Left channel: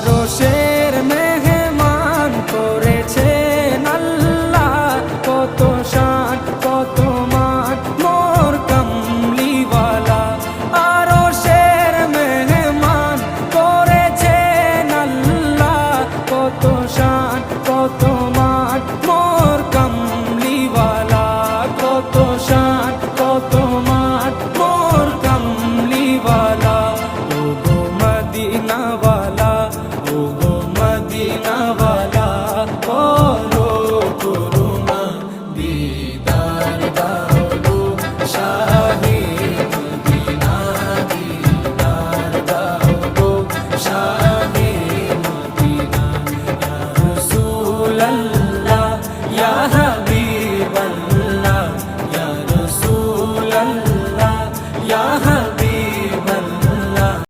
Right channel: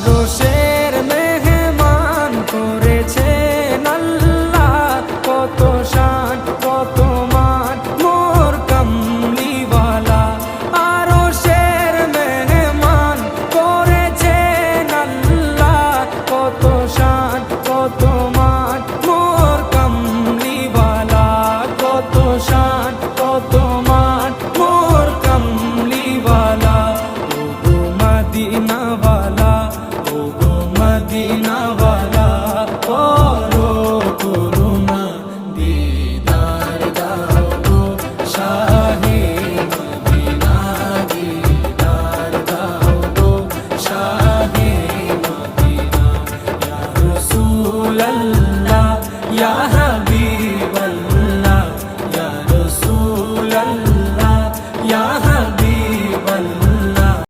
আরশের মেহমান করেছেন আল্লাহ, কত শান কত মান মোর কামলিওয়ালা। আরশের মেহমান করেছেন আল্লাহ, কত শান কত মান মোর কামলিওয়ালা, কত শান কত মান মোর কামলিওয়ালা। ও গো মদিনাওয়ালা, ও গো মদিনাওয়ালা, করো করুণা দিদার দাও গো শাহে মদিনা, দিদার দাও গো শাহে মদিনা। ইয়া রাসূলাল্লাহ